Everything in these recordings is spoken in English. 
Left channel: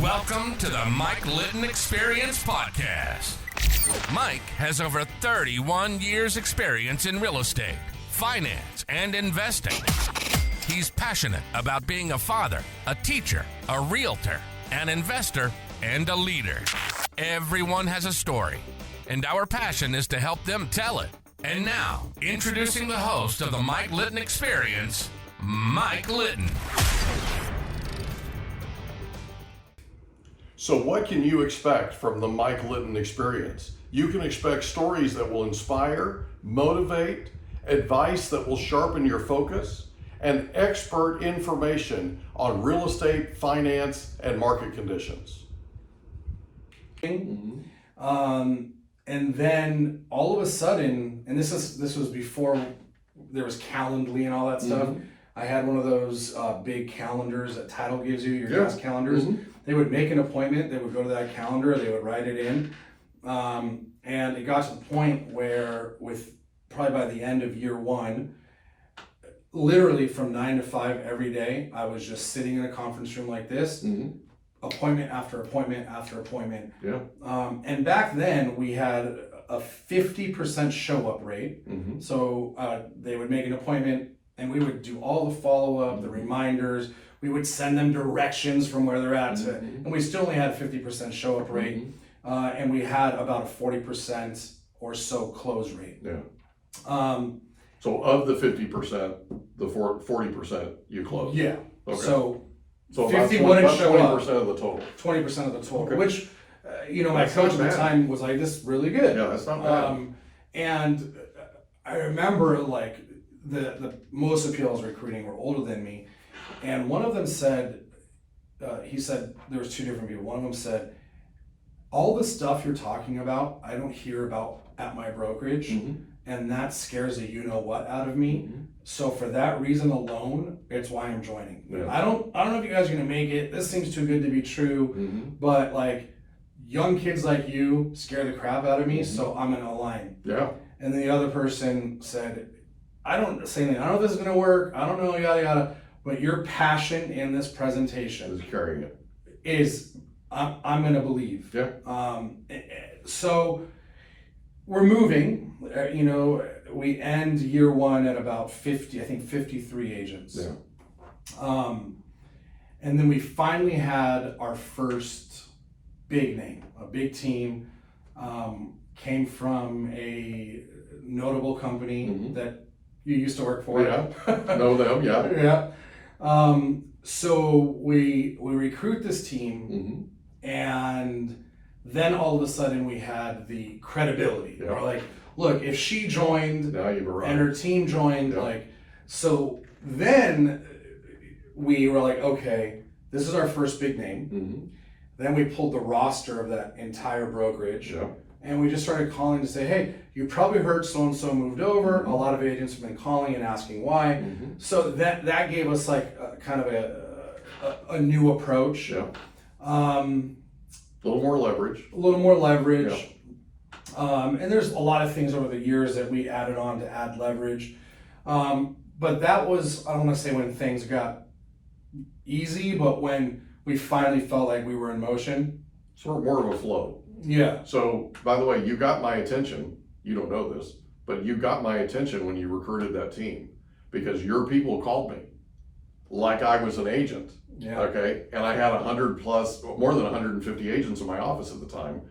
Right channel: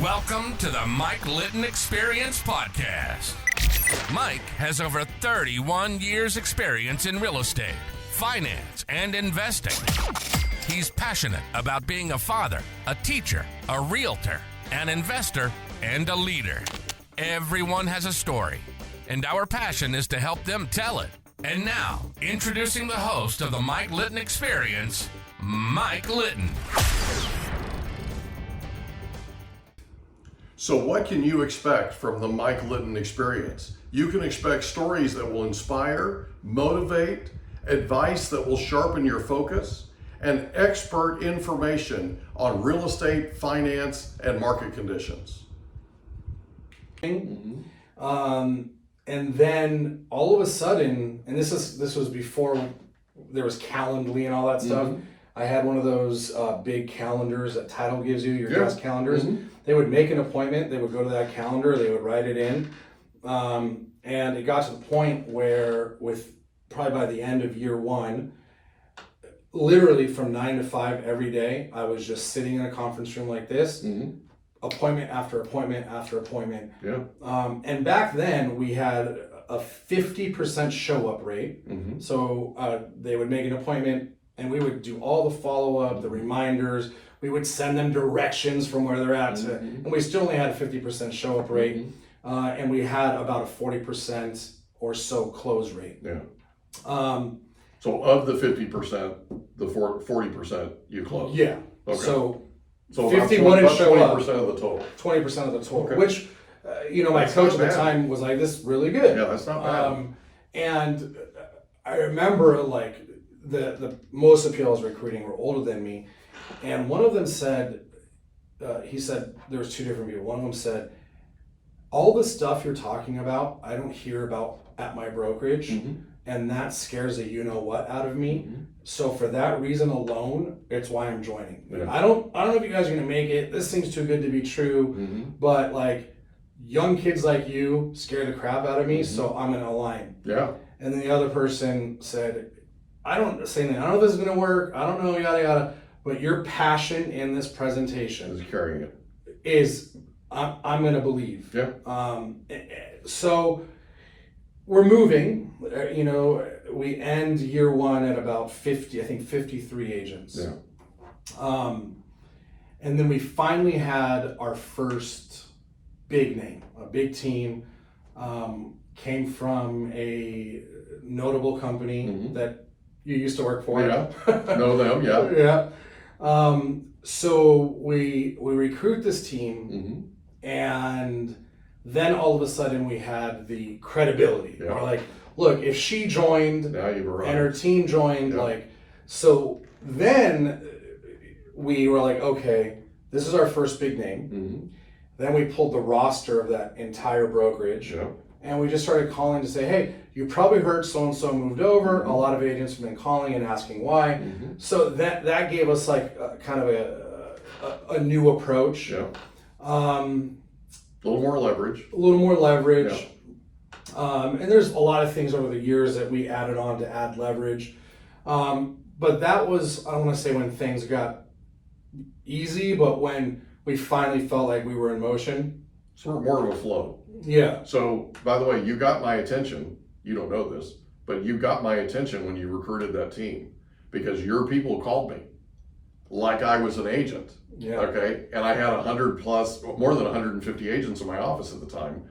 Welcome to the Mike Litton Experience Podcast. Mike has over 31 years experience in real estate, finance, and investing. He's passionate about being a father, a teacher, a realtor, an investor, and a leader. Everyone has a story, and our passion is to help them tell it. And now, introducing the host of the Mike Litton Experience, Mike Litton. So what can you expect from the Mike Litton Experience? You can expect stories that will inspire, motivate, advice that will sharpen your focus, and expert information on real estate, finance, and market conditions. And then all of a sudden, and this was before there was Calendly and all that stuff. I had one of those big calendars that Title gives you, your desk calendars. They would make an appointment, they would go to that calendar, they would write it in. And it got to the point where probably by the end of year one, literally from 9 to 5 every day, I was just sitting in a conference room like this, appointment after appointment after appointment. And back then we had a 50% show up rate. So they would make an appointment and we would do all the follow-up, the reminders. We would send them directions from where they're at, and we still only had a 50% show up rate, and we had about a 40% or so close rate. So of the 50%, the 40% you close. Yeah. Okay. So 50 wouldn't show 20% up. of the total. 20% of the total, Okay. which my That's coach not at the bad. time was like, "This is really good." Yeah, that's not bad. And I remember like the most of the people I was recruiting were older than me, and one of them said, he said there was two different people. One of them said, "All the stuff you're talking about, I don't hear about at my brokerage, and that scares the you know what out of me. So for that reason alone, it's why I'm joining. I don't know if you guys are gonna make it. This seems too good to be true, but like young kids like you scare the crap out of me, so I'm gonna align." And then the other person said, I don't know if this is gonna work. I don't know, yada yada. But your passion in this presentation Is carrying it. is, I'm gonna believe. Yeah. So we're moving. We end year one at about 53 agents. And then we finally had our first big name, a big team. Came from a notable company that you used to work for. Know them, yeah. So we recruit this team, and then all of a sudden we had the credibility. We're like, look, if she joined Now you've arrived. and her team joined, so then we were like, okay, this is our first big name. Then we pulled the roster of that entire brokerage. And we just started calling to say, hey, you probably heard so-and-so moved over. A lot of agents have been calling and asking why. So that gave us like kind of a new approach. A little more leverage. And there's a lot of things over the years that we added on to add leverage. But that was, I don't want to say when things got easy, but when we finally felt like we were in motion. Sort of more of a flow. So, by the way, you got my attention. You don't know this, but you got my attention when you recruited that team because your people called me like I was an agent. Okay. And I had 100 plus, more than 150 agents in my office at the time.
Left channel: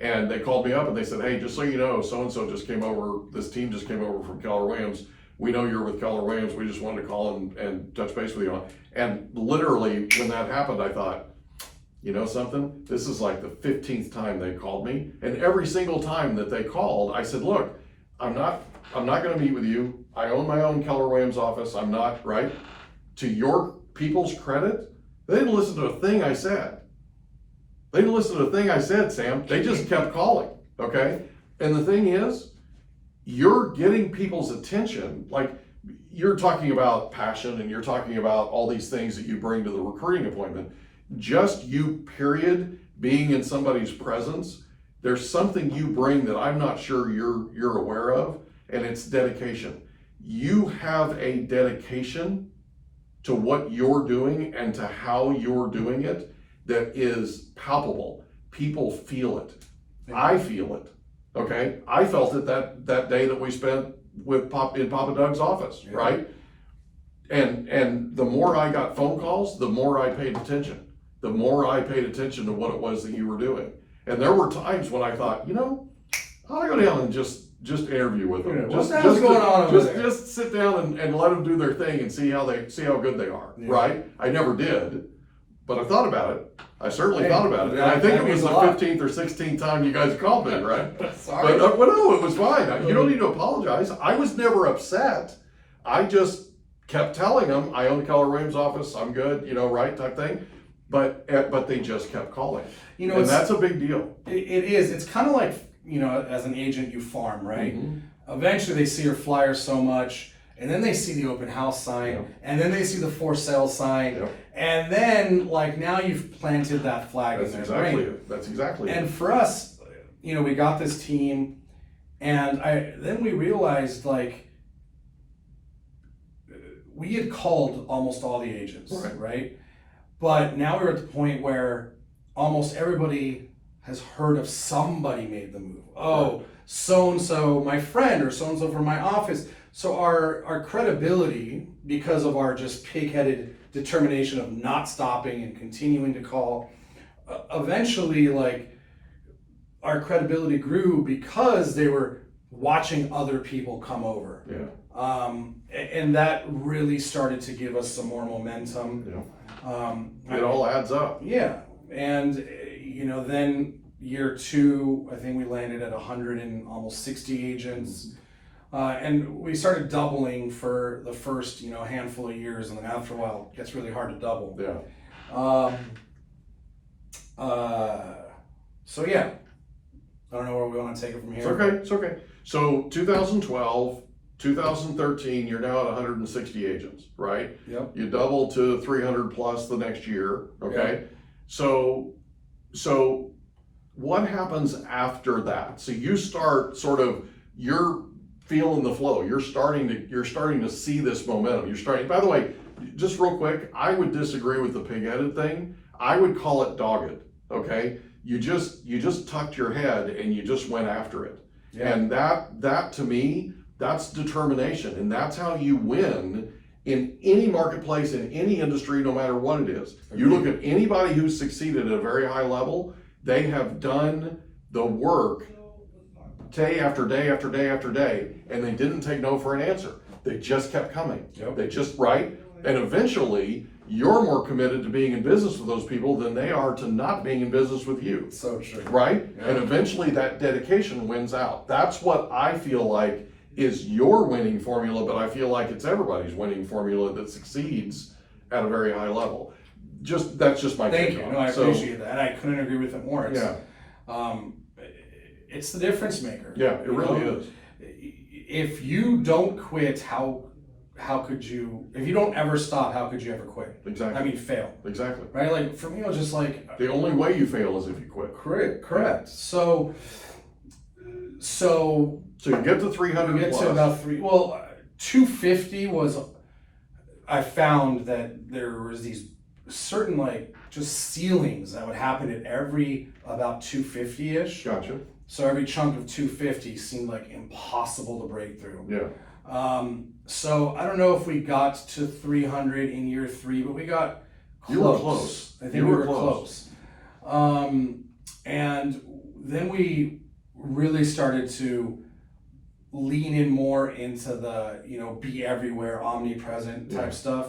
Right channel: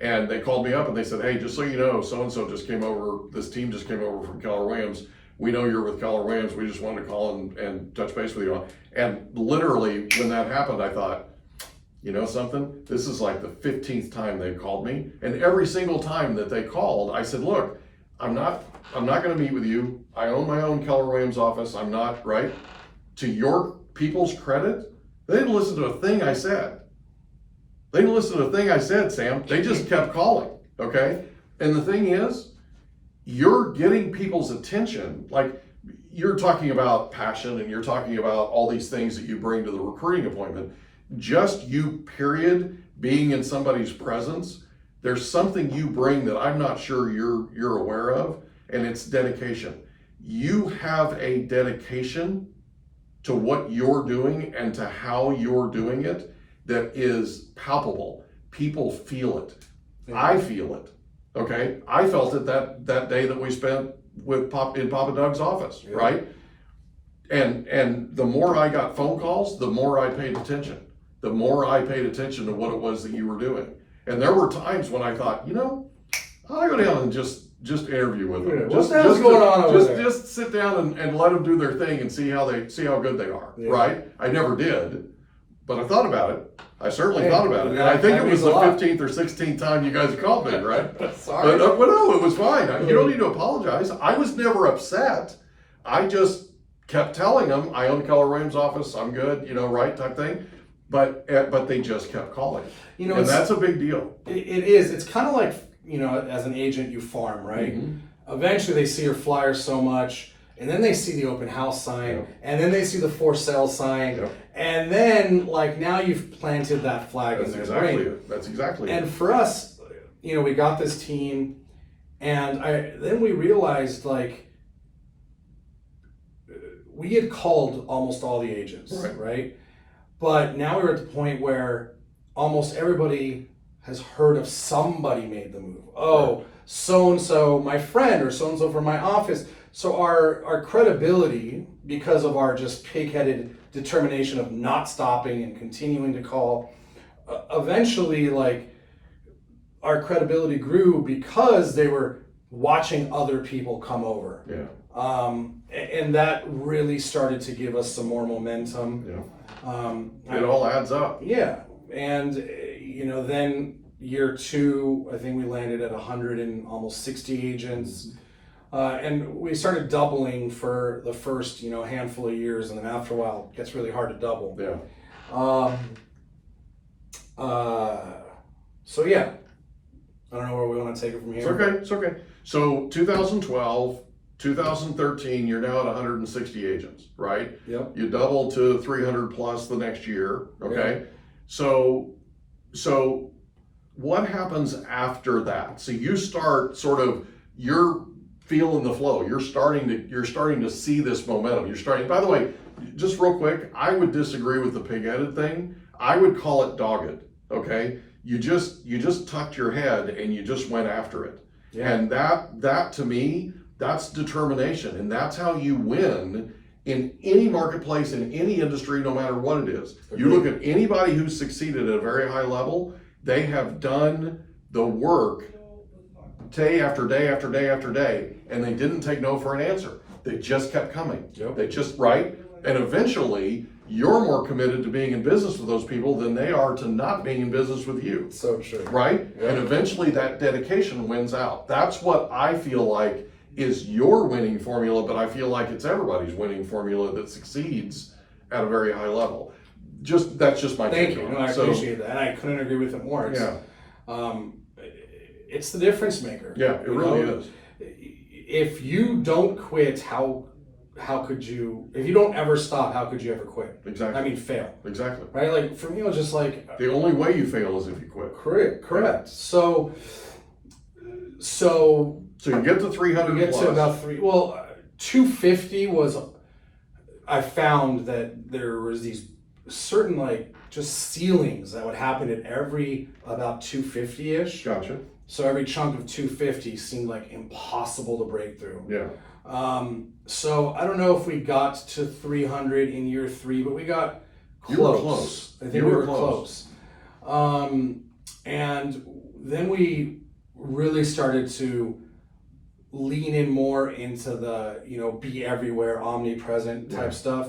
And they called me up and they said, hey, just so you know, so-and-so just came over. This team just came over from Keller Williams. We know you're with Keller Williams. We just wanted to call and touch base with you. And literally when that happened, I thought, you know something? This is like the 15th time they called me. And every single time that they called, I said, look, I'm not going to meet with you. I own my own Keller Williams office. I'm not, right? To your people's credit, they didn't listen to a thing I said. Sam. They just kept calling, okay? And the thing is, you're getting people's attention. Like, you're talking about passion and you're talking about all these things that you bring to the recruiting appointment. Just you, period, being in somebody's presence, there's something you bring that I'm not sure you're aware of, and it's dedication. You have a dedication to what you're doing and to how you're doing it that is palpable. People feel it. I feel it. Okay, I felt it that day that we spent in Papa Doug's office, right? And the more I got phone calls, the more I paid attention. The more I paid attention to what it was that you were doing. And there were times when I thought, I'll go down and just interview with them. What's going on over there? Just sit down and let them do their thing and see how good they are, right? I never did, but I thought about it. I certainly thought about it. And I think it was the 15th or 16th time you guys called me, right? Sorry. But no, it was fine. You don't need to apologize. I was never upset. I just kept telling them, I own Keller Williams' office, I'm good, right, type thing. But they just kept calling. And that's a big deal. It is. It's kind of like, as an agent, you farm, right? Mm-hmm. Eventually they see your flyer so much, and then they see the open house sign, and then they see the for sale sign, and then now you've planted that flag in their brain. That's exactly it. And for us, we got this team, and then we realized we had called almost all the agents, right? But now we're at the point where almost everybody has heard of somebody made the move. Oh, so-and-so, my friend, or so-and-so from my office. So our credibility, because of our just pig-headed determination of not stopping and continuing to call, eventually, our credibility grew because they were watching other people come over. Yeah. And that really started to give us some more momentum. Yeah. It all adds up. Yeah. And, then year 2, I think we landed at 100 and almost 60 agents. And we started doubling for the first, handful of years. And then after a while, it gets really hard to double. Yeah. So, yeah. I don't know where we want to take it from here. It's okay. So 2012, 2013, you're now at 160 agents, right? Yep. You double to 300 plus the next year, okay? Yep. So what happens after that? So you start you're feeling the flow. You're starting to see this momentum. By the way, just real quick, I would disagree with the pig-headed thing. I would call it dogged, okay? You just tucked your head and you just went after it. Yeah. And that to me, that's determination, and that's how you win in any marketplace, in any industry, no matter what it is. Agreed. You look at anybody who's succeeded at a very high level, they have done the work day after day after day after day, and they didn't take no for an answer. They just kept coming. Yep. They just, right? And eventually, you're more committed to being in business with those people than they are to not being in business with you. So true. Right? Yep. And eventually that dedication wins out. That's what I feel like is your winning formula, but I feel like it's everybody's winning formula that succeeds at a very high level. That's just my take on it. I appreciate that, and I couldn't agree with it more. It's the difference maker. Yeah, it really is. If you don't quit, how could you? If you don't ever stop, how could you ever quit? Exactly. I mean, fail. Exactly. Right? For me, it was just the only way you fail is if you quit. Correct. Yeah. So you get to 300 you get plus. to about 250 was, I found that there was these certain just ceilings that would happen at every about 250-ish. Gotcha. So every chunk of 250 seemed impossible to break through. Yeah. So I don't know if we got to 300 in year 3, but we got close. You were close. I think we were close. And then we really started to lean in more into the, be everywhere, omnipresent type stuff.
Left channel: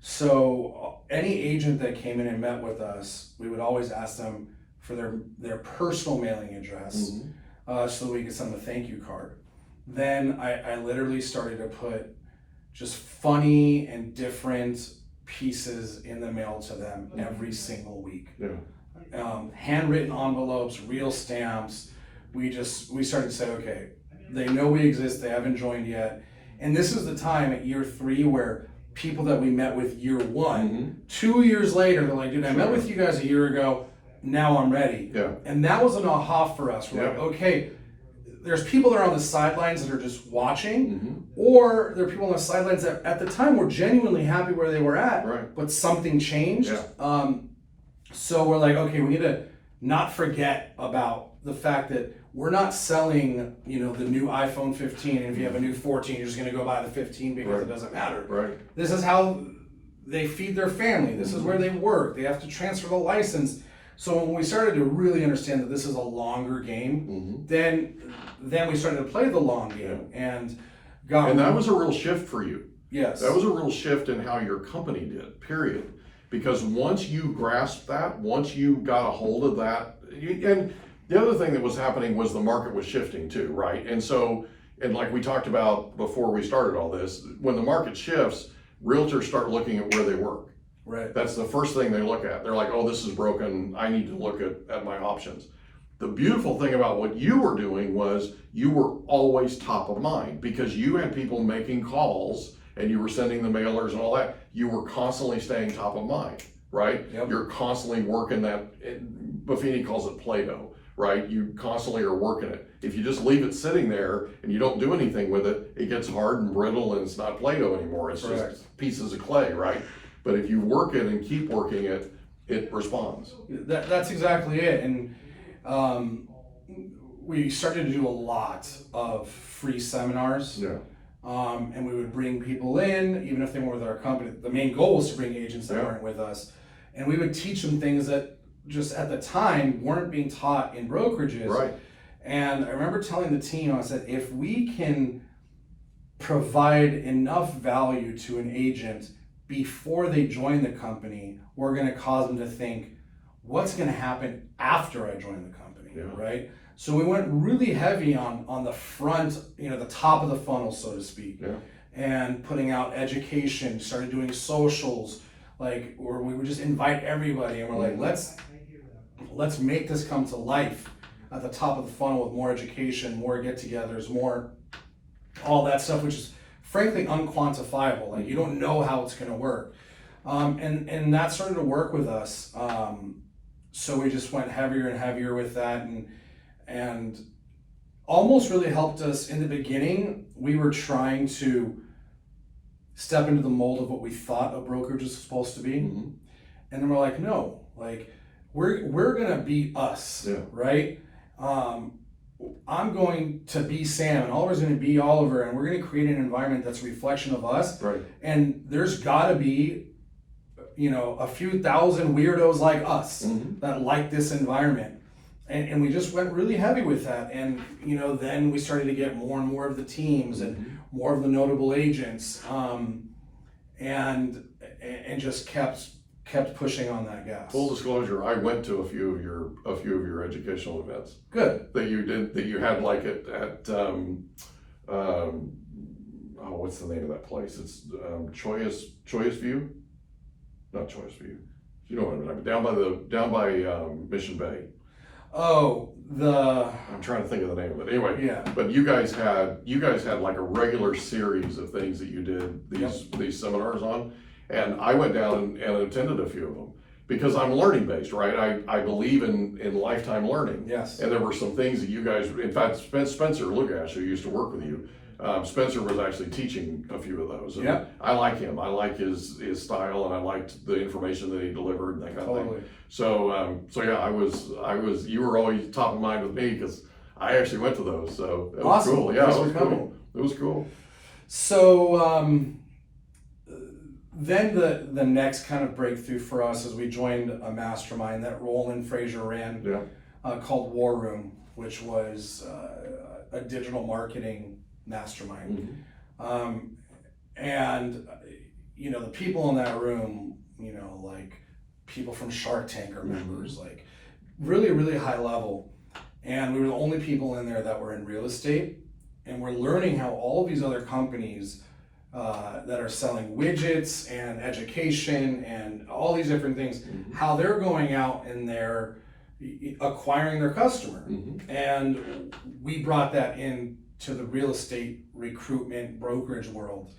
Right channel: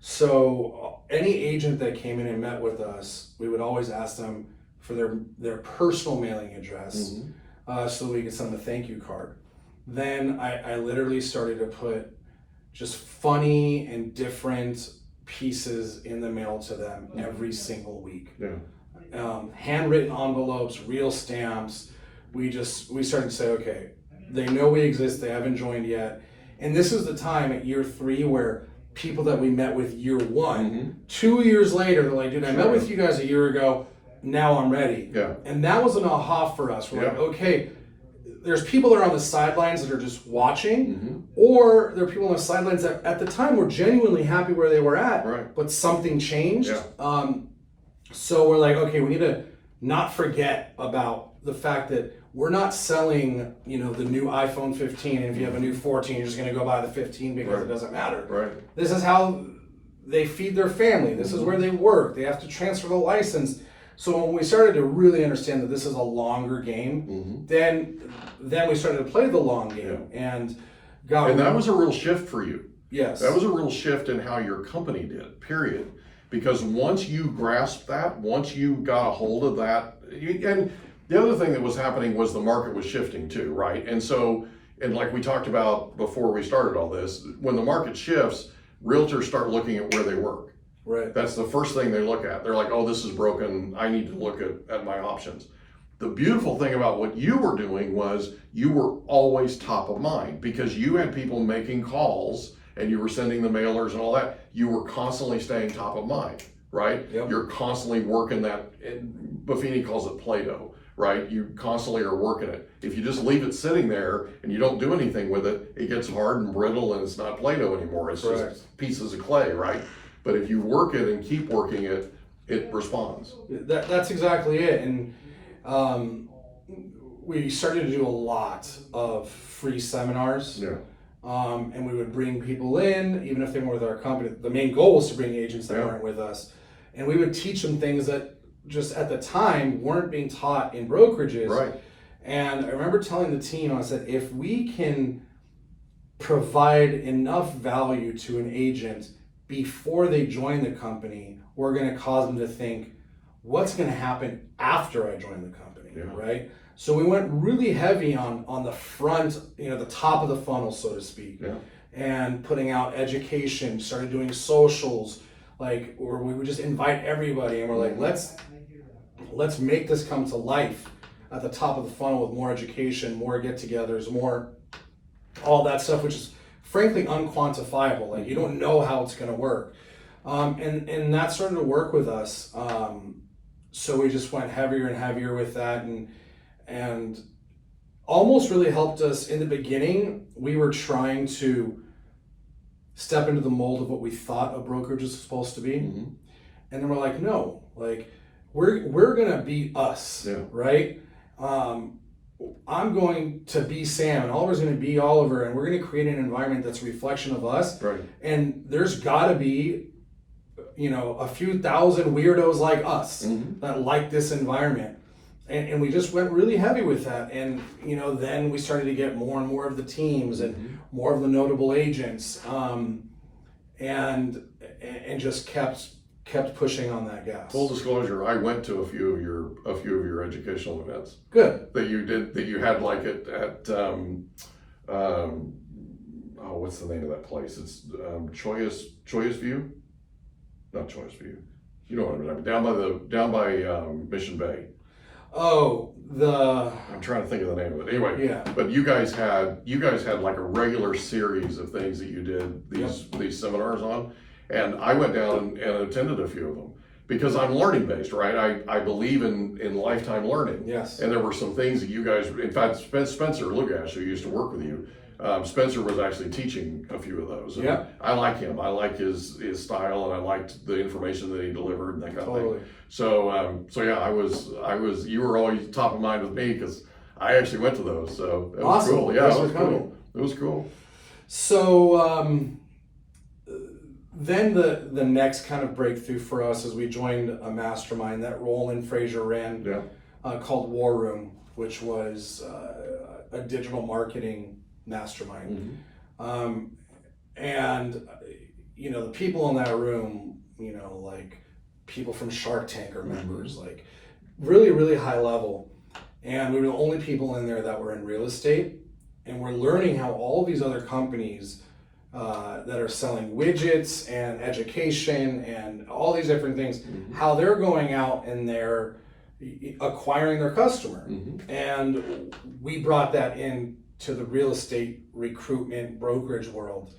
So any agent that came in and met with us, we would always ask them for their personal mailing address, so we could send them a thank you card. Then I literally started to put just funny and different pieces in the mail to them every single week. Yeah. Handwritten envelopes, real stamps. We started to say, okay, they know we exist, they haven't joined yet. And this is the time at year 3 where people that we met with year 1, 2 years later, they're like, dude, I met with you guys a year ago, now I'm ready. Yeah. And that was an aha for us. We're like, okay, there's people that are on the sidelines that are just watching, or there are people on the sidelines that at the time were genuinely happy where they were at, but something changed. Yeah. So we're like, okay, we need to not forget about the fact that we're not selling, the new iPhone 15, and if you have a new 14, you're just going to go buy the 15 because it doesn't matter. Right. This is how they feed their family. This is where they work. They have to transfer the license. So when we started to really understand that this is a longer game, then we started to play the long game, and that was a real shift for you. Yes. That was a real shift in how your company did, period. Because once you grasped that, once you got a hold of that, and the other thing that was happening was the market was shifting too, right? And so, and like we talked about before we started all this, when the market shifts, realtors start looking at where they work. Right. That's the first thing they look at. They're like, oh, this is broken. I need to look at my options. The beautiful thing about what you were doing was you were always top of mind because you had people making calls and you were sending the mailers and all that. You were constantly staying top of mind, right? Yep. You're constantly working that, Buffini calls it Play-Doh, right? You constantly are working it. If you just leave it sitting there and you don't do anything with it, it gets hard and brittle and it's not Play-Doh anymore. It's just pieces of clay, right? But if you work it and keep working it, it responds. That's exactly it. And we started to do a lot of free seminars. Yeah. And we would bring people in, even if they weren't with our company. The main goal was to bring agents that weren't with us. And we would teach them things that just at the time weren't being taught in brokerages. Right. And I remember telling the team, I said, if we can provide enough value to an agent before they join the company, we're going to cause them to think, what's going to happen after I join the company, right? So we went really heavy on the front, the top of the funnel, so to speak, and putting out education, started doing socials, or we would just invite everybody, and we're like, let's make this come to life at the top of the funnel with more education, more get-togethers, more all that stuff, which is frankly unquantifiable. Like, you don't know how it's going to work, and that started to work with us. So we just went heavier and heavier with that, and almost really helped us in the beginning. We were trying to step into the mold of what we thought a brokerage was supposed to be, and then we're like, no, we're gonna be us, right? I'm going to be Sam, and Oliver's going to be Oliver, and we're going to create an environment that's a reflection of us. Right. And there's got to be, a few thousand weirdos like us that like this environment. And we just went really heavy with that. And, then we started to get more and more of the teams and more of the notable agents, and just kept pushing on that gas. Full disclosure, I went to a few of your educational events. Good. That you had at what's the name of that place? It's Choice View? Not Choice View. You know what I mean? Down by Mission Bay. Oh, I'm trying to think of the name of it. Anyway, but you guys had like a regular series of things that you did these seminars on. And I went down and attended a few of them because I'm learning based, right? I believe in lifetime learning. Yes. And there were some things that you guys, in fact, Spencer Lugash, who used to work with you, Spencer was actually teaching a few of those. And I like him. I like his style, and I liked the information that he delivered and that kind of thing. So I was. You were always top of mind with me because I actually went to those. So it was cool. Yeah, it was cool. It was cool. So. Then the next kind of breakthrough for us is we joined a mastermind that Roland Frazier ran called War Room, which was a digital marketing mastermind. And the people in that room, like people from Shark Tank are members, like really, really high level. And we were the only people in there that were in real estate. And we're learning how all these other companies that are selling widgets and education and all these different things, how they're going out and they're acquiring their customer. And we brought that into the real estate recruitment brokerage world,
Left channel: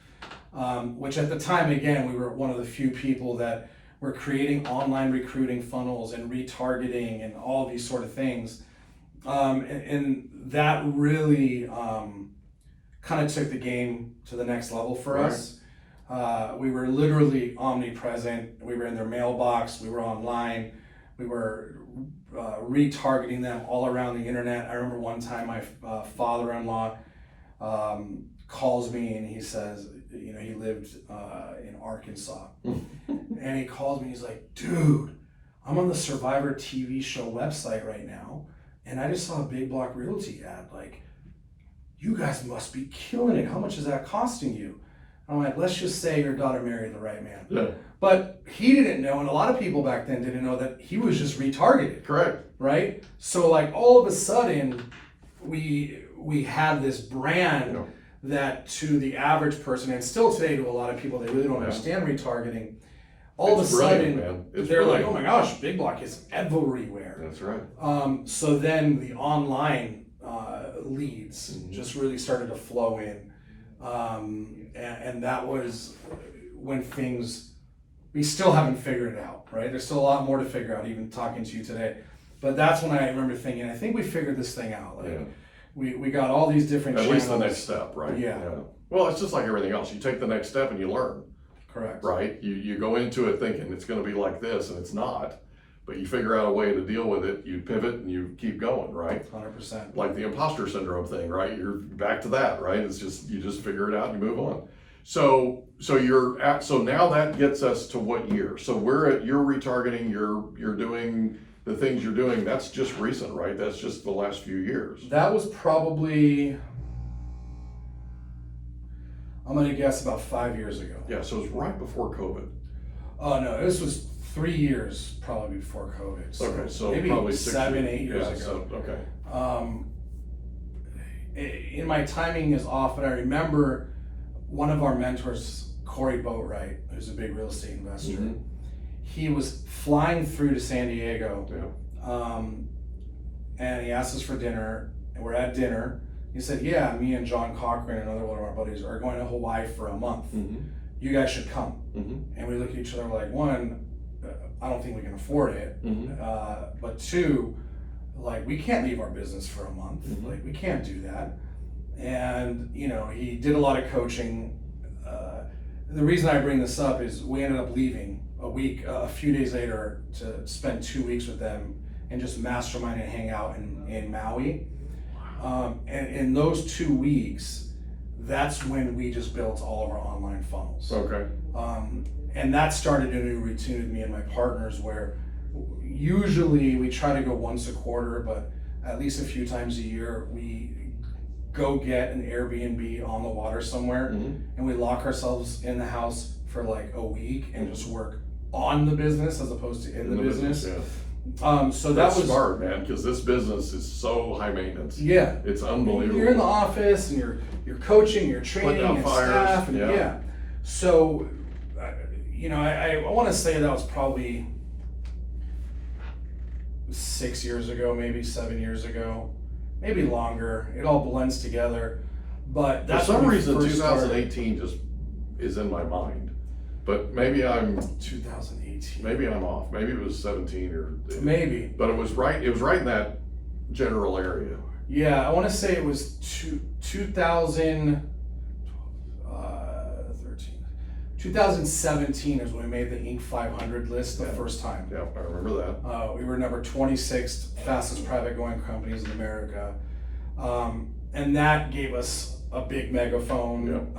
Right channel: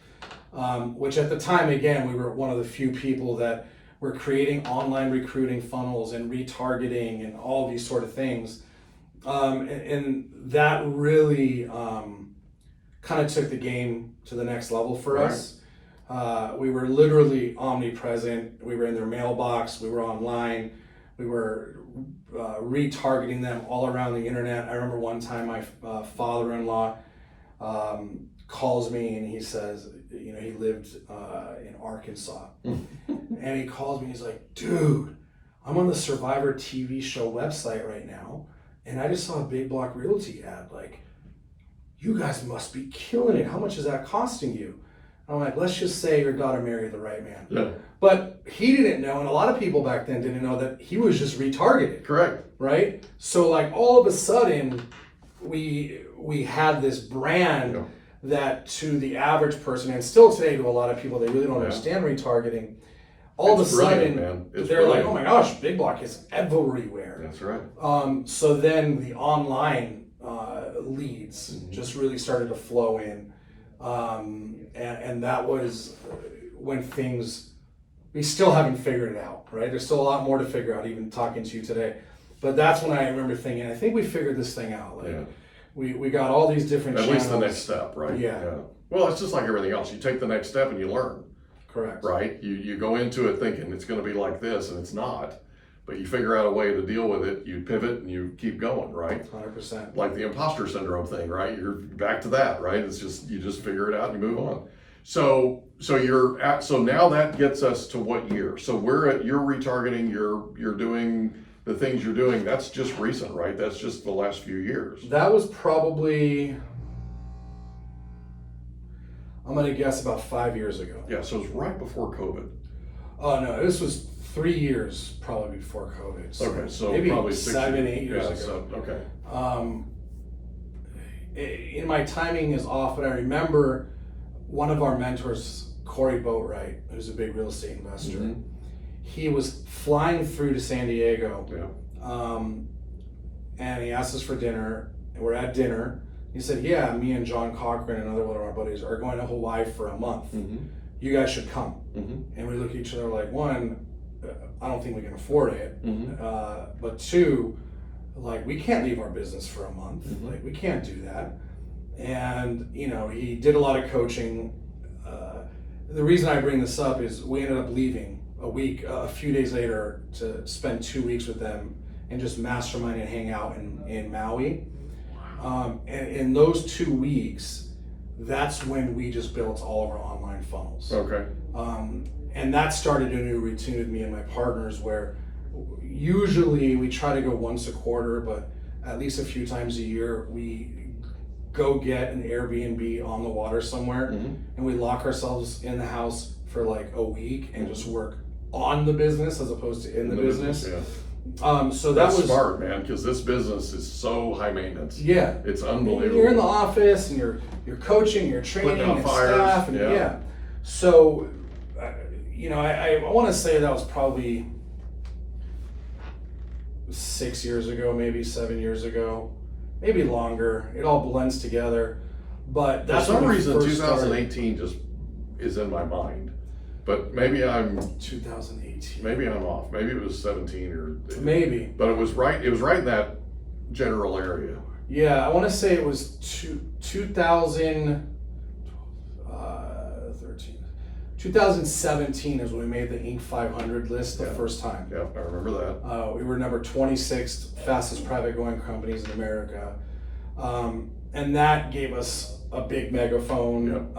which at the time, again, we were one of the few people that were creating online recruiting funnels and retargeting and all these sort of things. And that really kind of took the game to the next level for us. We were literally omnipresent. We were in their mailbox. We were online. we were retargeting them all around the internet. I remember one time my father-in-law calls me and he says, you know, he lived in Arkansas, and he calls me. He's like, dude, I'm on the Survivor TV show website right now, and I just saw a Big Block Realty ad. Like, you guys must be killing it. How much is that costing you? I'm like, let's just say your daughter married the right man. Yeah. But he didn't know, and a lot of people back then didn't know, that he was just retargeted. Correct. Right? So like all of a sudden, we had this brand that to the average person, and still today to a lot of people, they really don't understand retargeting. All of a sudden, they're like, oh my gosh, Big Block is everywhere. That's right. So then the online leads just really started to flow in. And that was when things, we still haven't figured it out, right? There's still a lot more to figure out, even talking to you today. But that's when I remember thinking, I think we figured this thing out. Like, we got all these different channels. At least the next step, right? Yeah. Well, it's just like everything else. You take the next step and you learn. Correct. Right? You go into it thinking it's going to be like this, and it's not. But you figure out a way to deal with it. You pivot and you keep going, right? 100%. Like the imposter syndrome thing, right? You're back to that, right? It's just, you just figure it out and you move on. So now that gets us to what year? So you're retargeting, you're doing the things you're doing. That's just recent, right? That's just the last few years. That was probably, I'm going to guess, about 5 years ago. Yeah, so it's right before COVID. Oh no, this was 3 years probably before COVID. So maybe probably 8 years ago. So, okay. In my timing is off, but I remember one of our mentors, Corey Boatwright, who's a big real estate investor. He was flying through to San Diego, and he asked us for dinner, and we're at dinner. He said, yeah, me and John Cochran, another one of our buddies, are going to Hawaii for a month. You guys should come. And we look at each other like, one, I don't think we can afford it. But two, like, we can't leave our business for a month. Like, we can't do that. And, you know, he did a lot of coaching. The reason I bring this up is we ended up leaving a few days later to spend 2 weeks with them and just mastermind and hang out in Maui. And in those 2 weeks, that's when we just built all of our online funnels. Okay. And that started a new routine with me and my partners, where usually we try to go once a quarter, but at least a few times a year, we go get an Airbnb on the water somewhere, and we lock ourselves in the house for like a week and just work on the business as opposed to in the business. So that's smart, man, because this business is so high maintenance. Yeah, it's unbelievable. You're in the office and you're coaching, you're training, and staff, and So, you know, I want to say that was probably 6 years ago, maybe 7 years ago, maybe longer. It all blends together. But that's for some reason 2018 just is in my mind. But maybe I'm 2018. Maybe I'm off. Maybe it was 17 or maybe. But it was right. It was right in that general area. Yeah, I want to say it was 2013. 2017 is when we made the Inc. 500 list the first time. Yeah, I remember that. We were number 26th fastest private growing companies in America, and that gave us a big megaphone.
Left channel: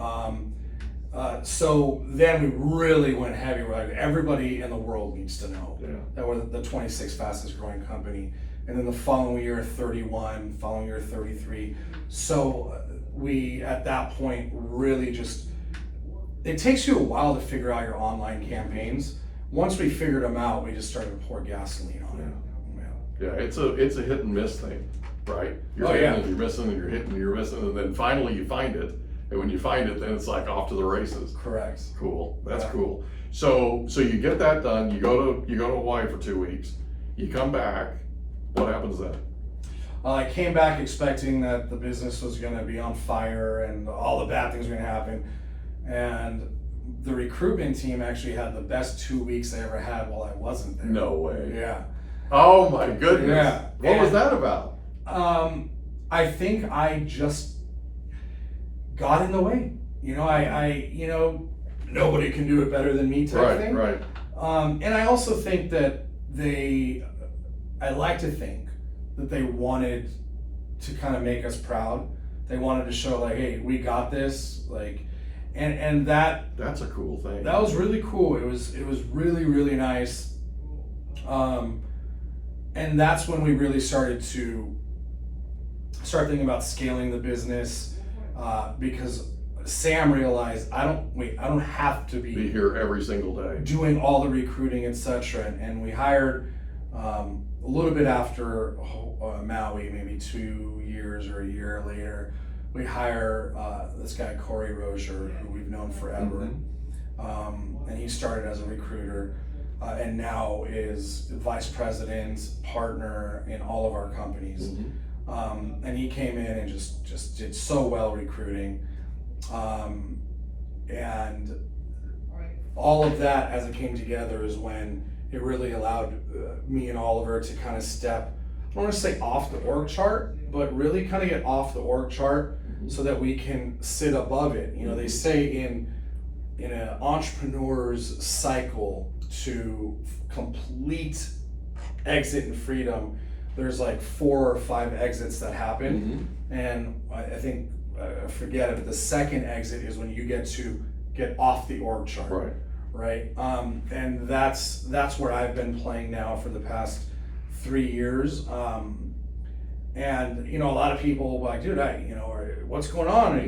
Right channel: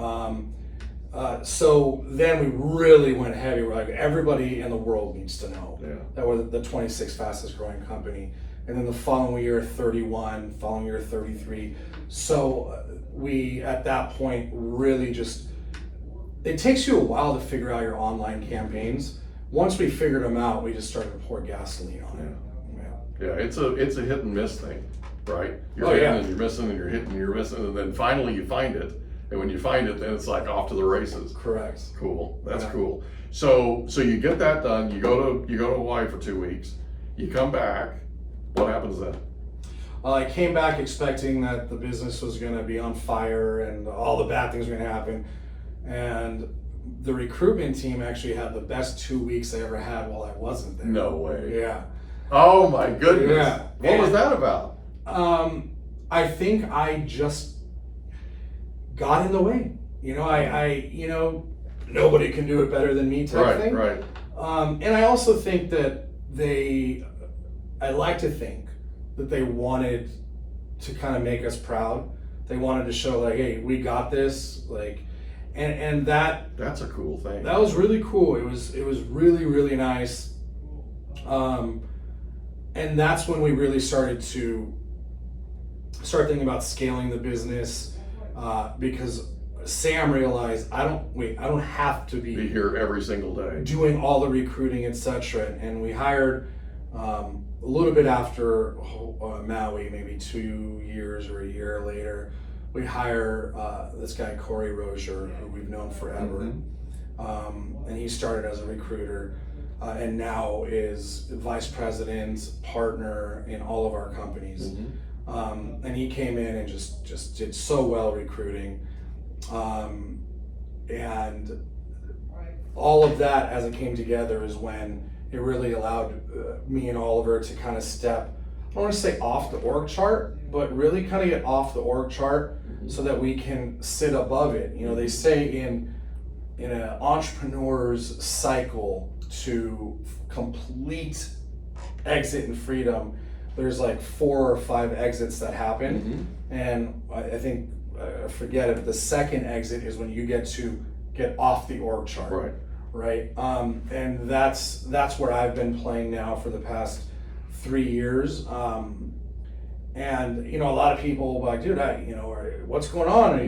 So then we really went heavy. We're like, everybody in the world needs to know that we're the 26th fastest growing company. And then the following year, 31, following year, 33. So we, at that point, really just, it takes you a while to figure out your online campaigns. Once we figured them out, we just started to pour gasoline on it. Yeah, it's a hit and miss thing, right? You're hitting and you're missing, and you're hitting and you're missing, and then finally you find it. And when you find it, then it's like off to the races. Correct. Cool. That's cool. So you get that done. You go to Hawaii for 2 weeks. You come back. What happens then? I came back expecting that the business was going to be on fire and all the bad things were going to happen. And the recruitment team actually had the best 2 weeks they ever had while I wasn't there. No way. Yeah. Oh my goodness. Yeah. What was that about? I think I just got in the way. You know, I nobody can do it better than me type thing. Right. And I also think that I like to think that they wanted to kind of make us proud. They wanted to show like, hey, we got this, like, and that's a cool thing. That was really cool. It was really, really nice. And that's when we really started to start thinking about scaling the business, because Sam realized I don't have to be here every single day doing all the recruiting, etc. And we hired a little bit after Maui, maybe 2 years or a year later, we hire this guy Khorramian, who we've known forever, and he started as a recruiter, and now is vice president, partner in all of our companies. And he came in and just did so well recruiting, and all of that as it came together is when it really allowed me and Oliver to kind of step, I don't want to say off the org chart, but really kind of get off the org chart so that we can sit above it. You know, they say in an entrepreneur's cycle to complete exit and freedom, there's like 4 or 5 exits that happen. And I think, I forget it, but the second exit is when you get off the org chart. Right. And that's where I've been playing now for the past 3 years. And you know, a lot of people will be like, dude, what's going on?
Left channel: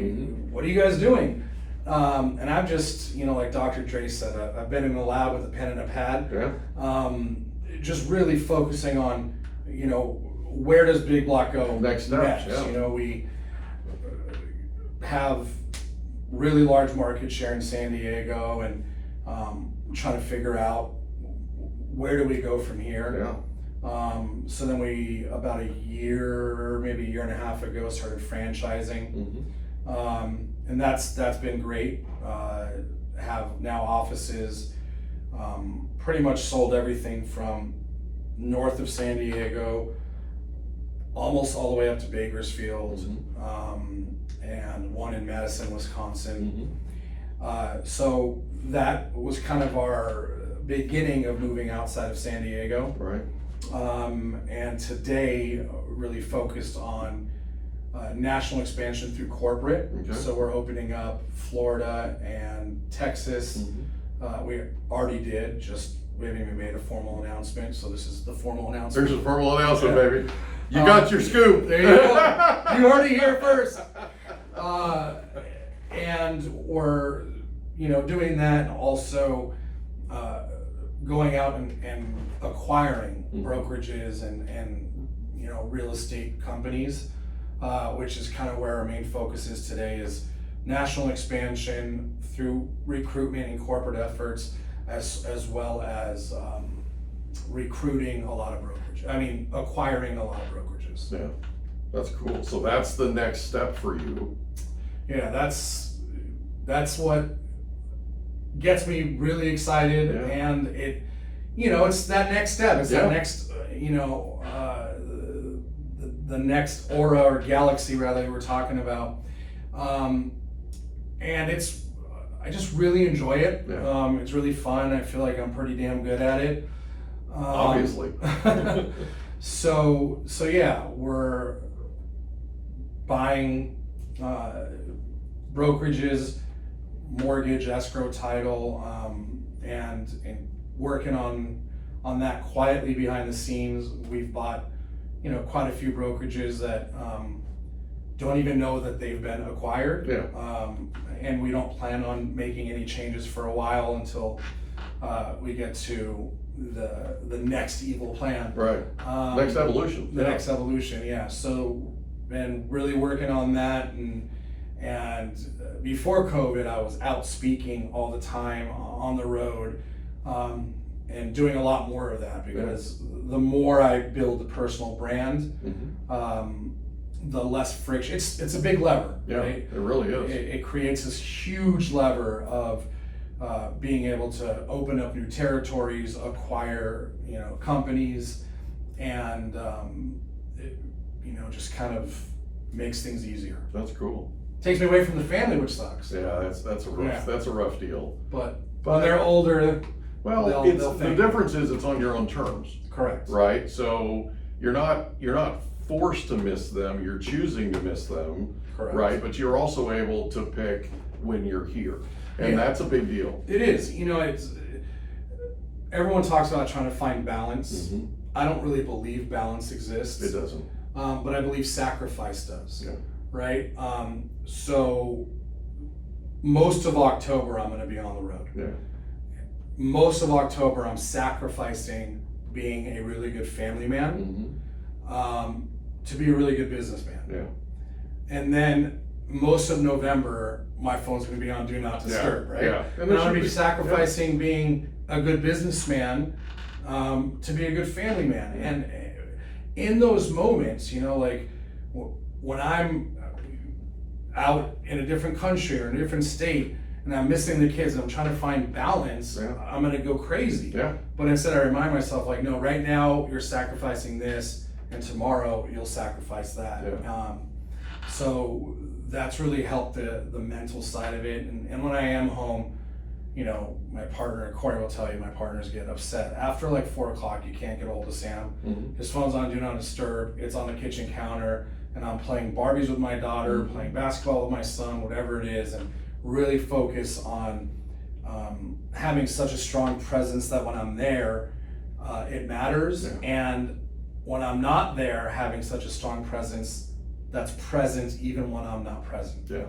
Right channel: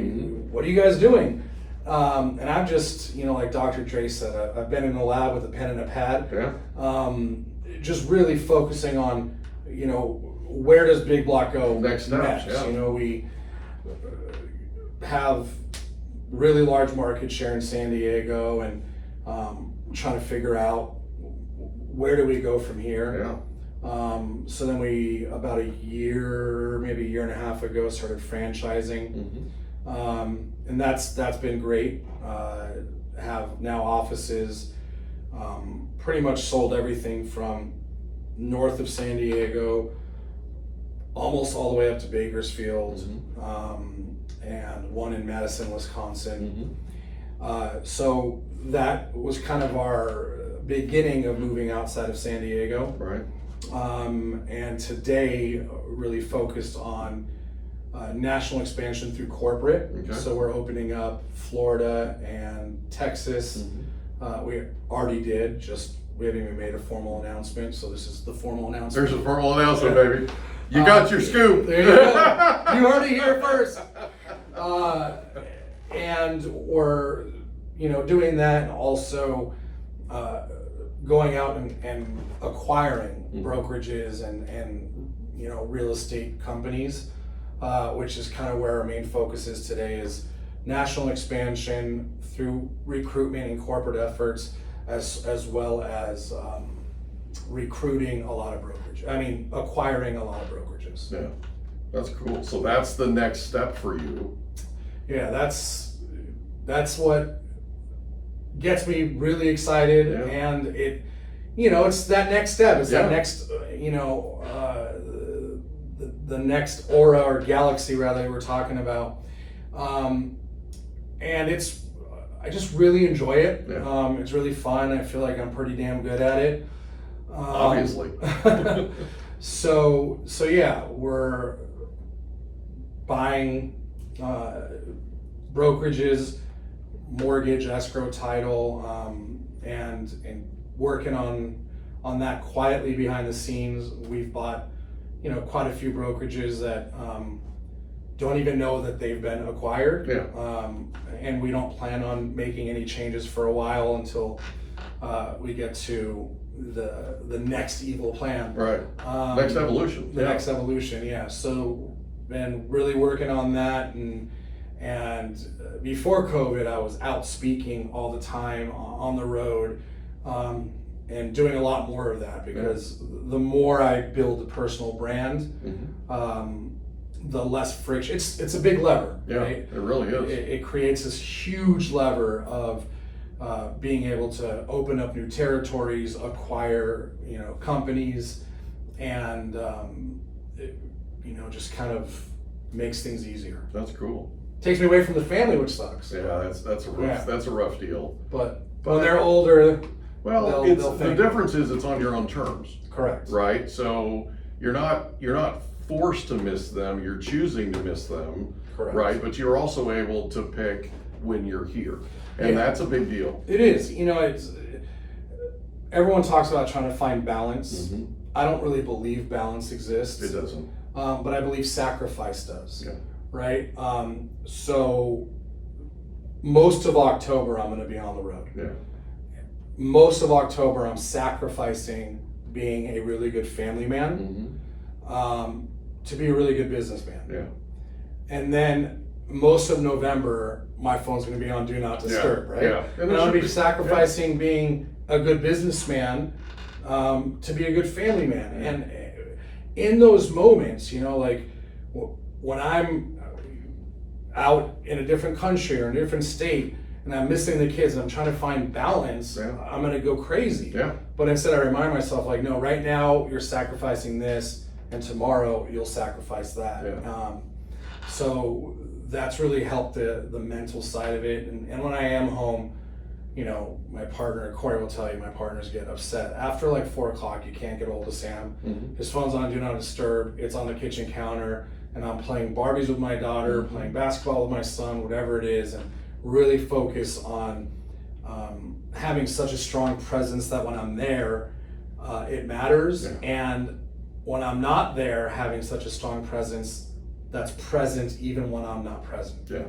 What are you guys doing? And I'm just, you know, like Dr. Dre said, I've been in the lab with a pen and a pad, just really focusing on, you know, where does Big Block go next steps? You know, we have really large market share in San Diego, and trying to figure out where do we go from here. So then we, about a year, maybe a year and a half ago, started franchising, and that's been great. Have now offices, pretty much sold everything from north of San Diego, almost all the way up to Bakersfield, and one in Madison, Wisconsin. So that was kind of our beginning of moving outside of San Diego. And today really focused on national expansion through corporate. So we're opening up Florida and Texas. We already did, we haven't even made a formal announcement, so this is the formal announcement. There's a formal announcement, baby. You got your scoop. There you go. You heard it here first. And we're, you know, doing that, and also going out and acquiring brokerages and you know, real estate companies, which is kind of where our main focus is today, is national expansion through recruitment and corporate efforts, as well as recruiting a lot of acquiring a lot of brokerages. Yeah, that's cool. So that's the next step for you. Yeah, that's what gets me really excited, and it, you know, it's that next step. It's that next, you know, the next aura or galaxy rather we're talking about, and I just really enjoy it. It's really fun. I feel like I'm pretty damn good at it. Obviously. So yeah, we're buying brokerages, mortgage, escrow, title, and working on that quietly behind the scenes. We've bought, you know, quite a few brokerages that don't even know that they've been acquired. And we don't plan on making any changes for a while until we get to the next evil plan. Next evolution. The next evolution, So been really working on that, and before COVID, I was out speaking all the time on the road, and doing a lot more of that, because the more I build a personal brand, the less friction. It's a big lever, right? It really is. It creates this huge lever of being able to open up new territories, acquire, you know, companies, and it, you know, just kind of makes things easier. That's cool. Takes me away from the family, which sucks. That's a rough deal. But when they're older, Well, the difference is it's on your own terms. Correct. Right? So you're not forced to miss them, you're choosing to miss them. Correct. Right? But you're also able to pick when you're here. And that's a big deal. It is. It's everyone talks about trying to find balance. Mm-hmm. I don't really believe balance exists. It doesn't. But I believe sacrifice does. Yeah. Right? So most of October I'm going to be on the road. Yeah. Most of October I'm sacrificing being a really good family man to be a really good businessman. Yeah. And then most of November my phone's going to be on Do Not Disturb, right? Yeah. And I'm going to be sacrificing being a good businessman to be a good family man. Yeah. And in those moments, like when I'm out in a different country or in a different state and I'm missing the kids and I'm trying to find balance, I'm going to go crazy. Yeah. But instead I remind myself, like, no, right now you're sacrificing this and tomorrow you'll sacrifice that. Yeah. So that's really helped the mental side of it. And when I am home, my partner, Corey will tell you, my partners get upset. After like 4 o'clock, you can't get a hold of Sam. Mm-hmm. His phone's on Do Not Disturb. It's on the kitchen counter. And I'm playing Barbies with my daughter, playing basketball with my son, whatever it is, and really focus on having such a strong presence that when I'm there, it matters. Yeah. And when I'm not there, having such a strong presence that's present even when I'm not present. Yeah.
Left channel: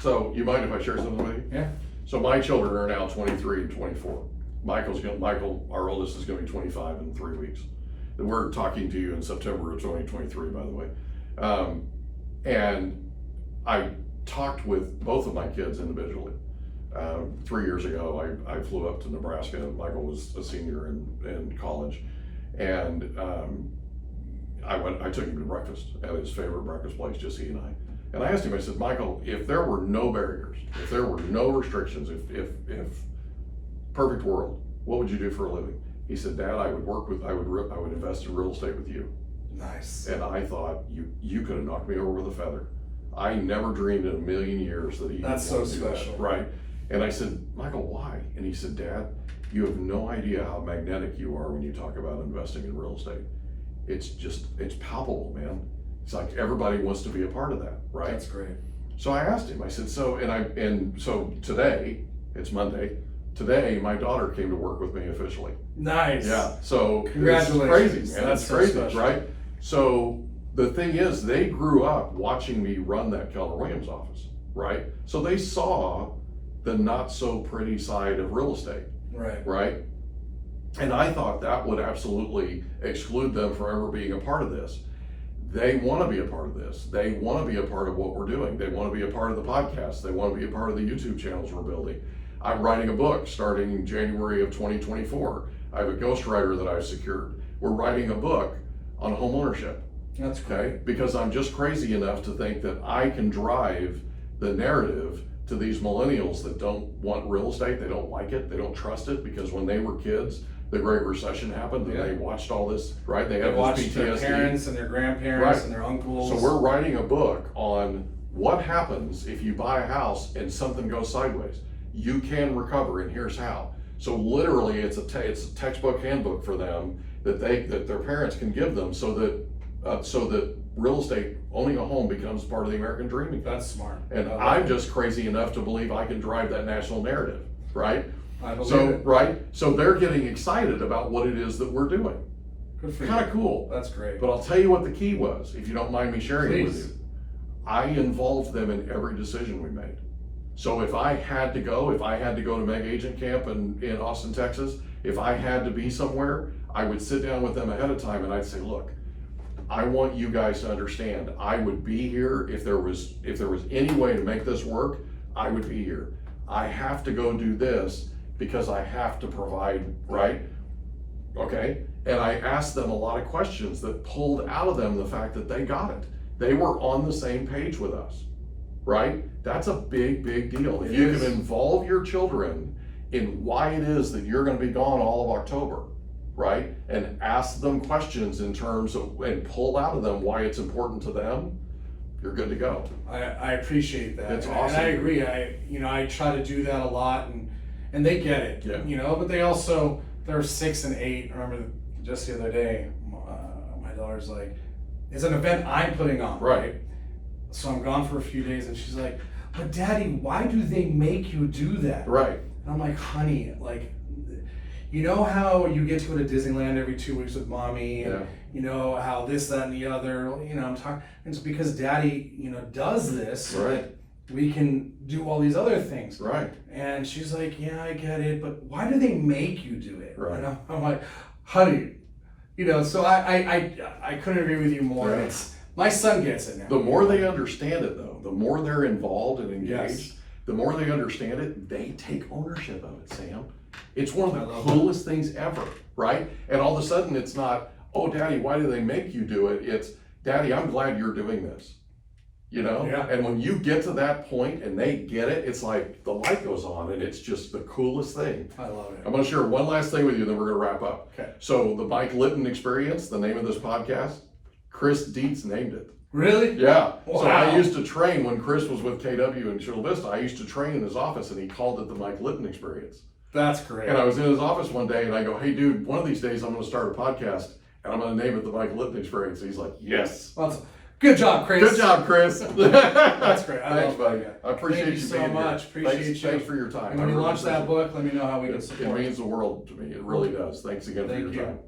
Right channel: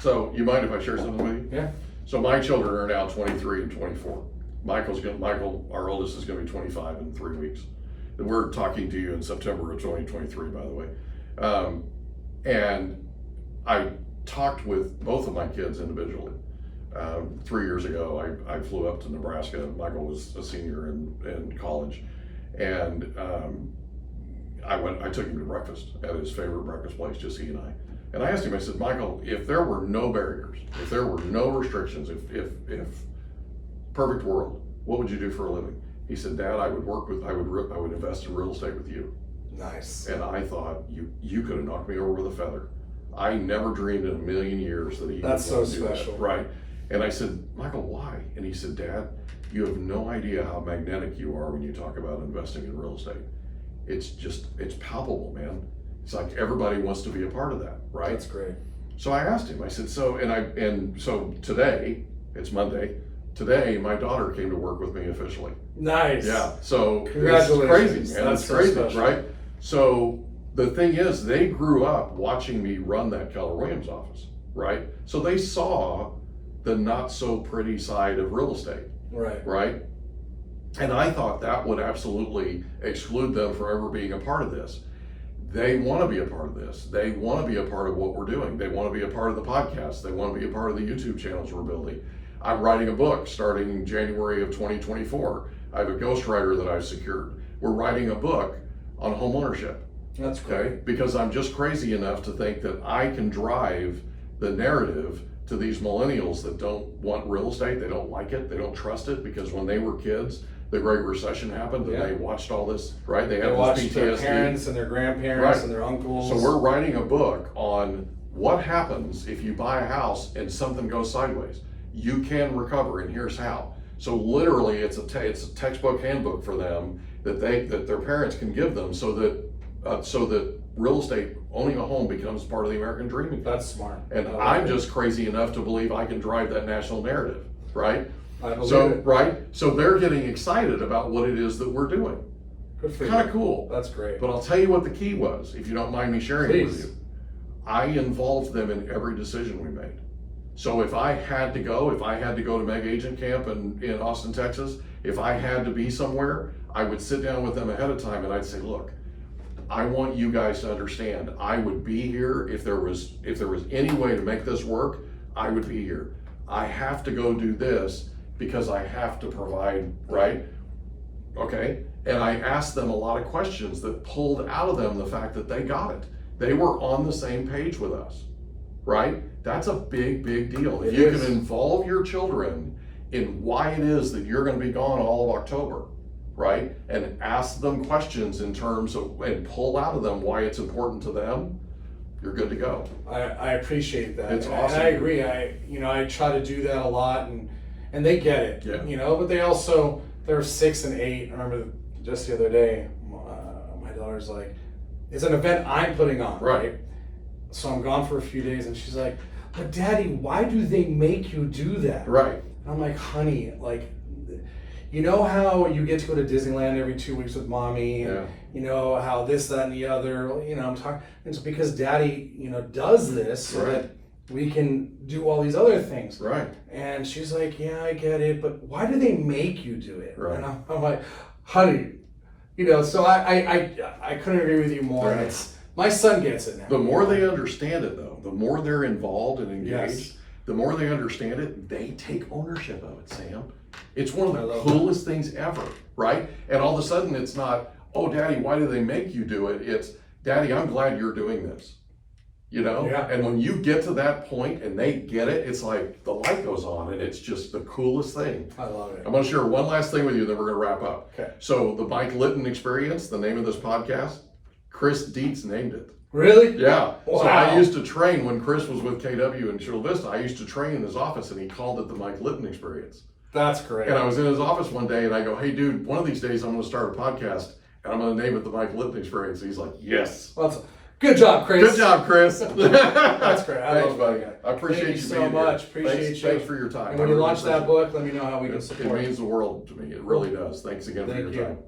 So you mind if I share something with you? Yeah. So my children are now 23 and 24. Michael, our oldest, is going to be 25 in 3 weeks. And we're talking to you in September of 2023, by the way. And I talked with both of my kids individually. 3 years ago, I flew up to Nebraska. Michael was a senior in college, and I took him to breakfast at his favorite breakfast place, just he and I. And I asked him, I said, Michael, if there were no barriers, if there were no restrictions, if perfect world, what would you do for a living? He said, Dad, I would invest in real estate with you. Nice. And I thought, you could have knocked me over with a feather. I never dreamed in a million years that he That's would so do special. that. Right. And I said, Michael, why? And he said, Dad, you have no idea how magnetic you are when you talk about investing in real estate. It's palpable, man. It's like everybody wants to be a part of that, right? That's great. So I asked him, I said, so today, it's Monday, today my daughter came to work with me officially. Nice. Yeah, so Congratulations. it's crazy, man. That's so crazy, special. right? So the thing is, they grew up watching me run that Keller Williams office, right? So they saw the not so pretty side of real estate, right? And I thought that would absolutely exclude them from ever being a part of this. They want to be a part of this. They want to be a part of what we're doing. They want to be a part of the podcast. They want to be a part of the YouTube channels we're building. I'm writing a book starting January of 2024. I have a ghostwriter that I've secured. We're writing a book on home ownership. That's great. Okay? Because I'm just crazy enough to think that I can drive the narrative to these millennials that don't want real estate. They don't like it. They don't trust it, because when they were kids, the Great Recession happened, and they watched all this, right? They have watched this PTSD. their parents and their grandparents and their uncles. So we're writing a book on what happens if you buy a house and something goes sideways. You can recover, and here's how. So literally, it's a textbook handbook for them that their parents can give them, so that real estate, owning a home, becomes part of the American dream again. That's smart. And I'm just crazy enough to believe I can drive that national narrative, right? I believe it. Right? So they're getting excited about what it is that we're doing. Good for you. Kind of cool. That's great. But I'll tell you what the key was, if you don't mind me sharing it with Please. you. I involved them in every decision we made. So if I had to go to Mega Agent Camp in Austin, Texas, if I had to be somewhere, I would sit down with them ahead of time and I'd say, look, I want you guys to understand, I would be here if there was any way to make this work, I would be here. I have to go do this because I have to provide, right? Okay? And I asked them a lot of questions that pulled out of them the fact that they got it. They were on the same page with us, right? That's a big, big deal. If you can involve your children in why it is that you're going to be gone all of October, right? And ask them questions in terms of, and pull out of them why it's important to them, you're good to go. I appreciate that. It's and awesome. I agree. I try to do that a lot, and and they get it, Yeah. you know, but they're 6 and 8. I remember just the other day, my daughter's like, it's an event I'm putting on, right? So I'm gone for a few days, and she's like, but Daddy, why do they make you do that? Right. And I'm like, honey, like, you know how you get to go to Disneyland every 2 weeks with mommy, and you know how this, that, and the other, you know, I'm talking, it's because Daddy, you know, does this so that we can do all these other things. Right. And she's like, yeah, I get it, but why do they make you do it? Right. And I'm like, honey, you know, so I couldn't agree with you more. Yeah. It's, my son gets it now. The more they understand it, though, the more they're involved and engaged, the more they understand it, they take ownership of it, Sam. It's one of the coolest things ever, right? And all of a sudden, it's not, oh, Daddy, why do they make you do it? It's, Daddy, I'm glad you're doing this. You know? Yeah. And when you get to that point and they get it, it's like the light goes on and it's just the coolest thing. I love it. I'm going to share one last thing with you, then we're going to wrap up. Okay. So the Mike Litton Experience, the name of this podcast, Chris Dietz named it. Really? Yeah. Wow. So I used to train when Chris was with KW in Chula Vista. I used to train in his office, and he called it the Mike Litton Experience. That's great. And I was in his office one day, and I go, "Hey, dude, one of these days I'm going to start a podcast, and I'm going to name it the Mike Litton Experience." And he's like, "Yes." Well, good job, Chris. Good job, Chris. That's great. Thanks, buddy. I appreciate you so being much. here. Appreciate you. Thanks for your time. And when I you really launch that appreciate book, let me know how we can it. support It means the world to me. It really does. Thanks again for your you. time.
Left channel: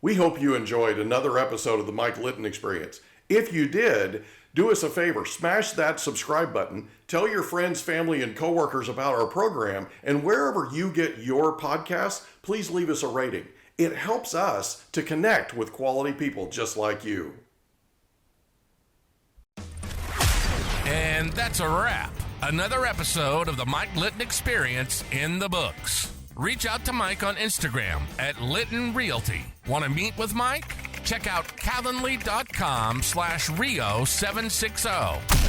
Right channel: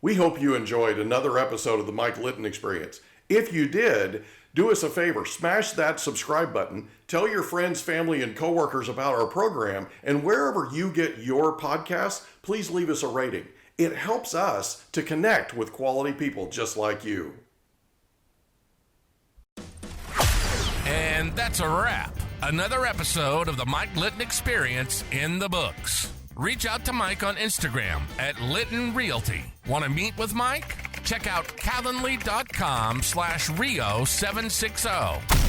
We hope you enjoyed another episode of the Mike Litton Experience. If you did, do us a favor, smash that subscribe button, tell your friends, family, and coworkers about our program, and wherever you get your podcasts, please leave us a rating. It helps us to connect with quality people just like you. And that's a wrap. Another episode of the Mike Litton Experience in the books. Reach out to Mike on Instagram at Litton Realty. Want to meet with Mike? Check out calendly.com/Rio760.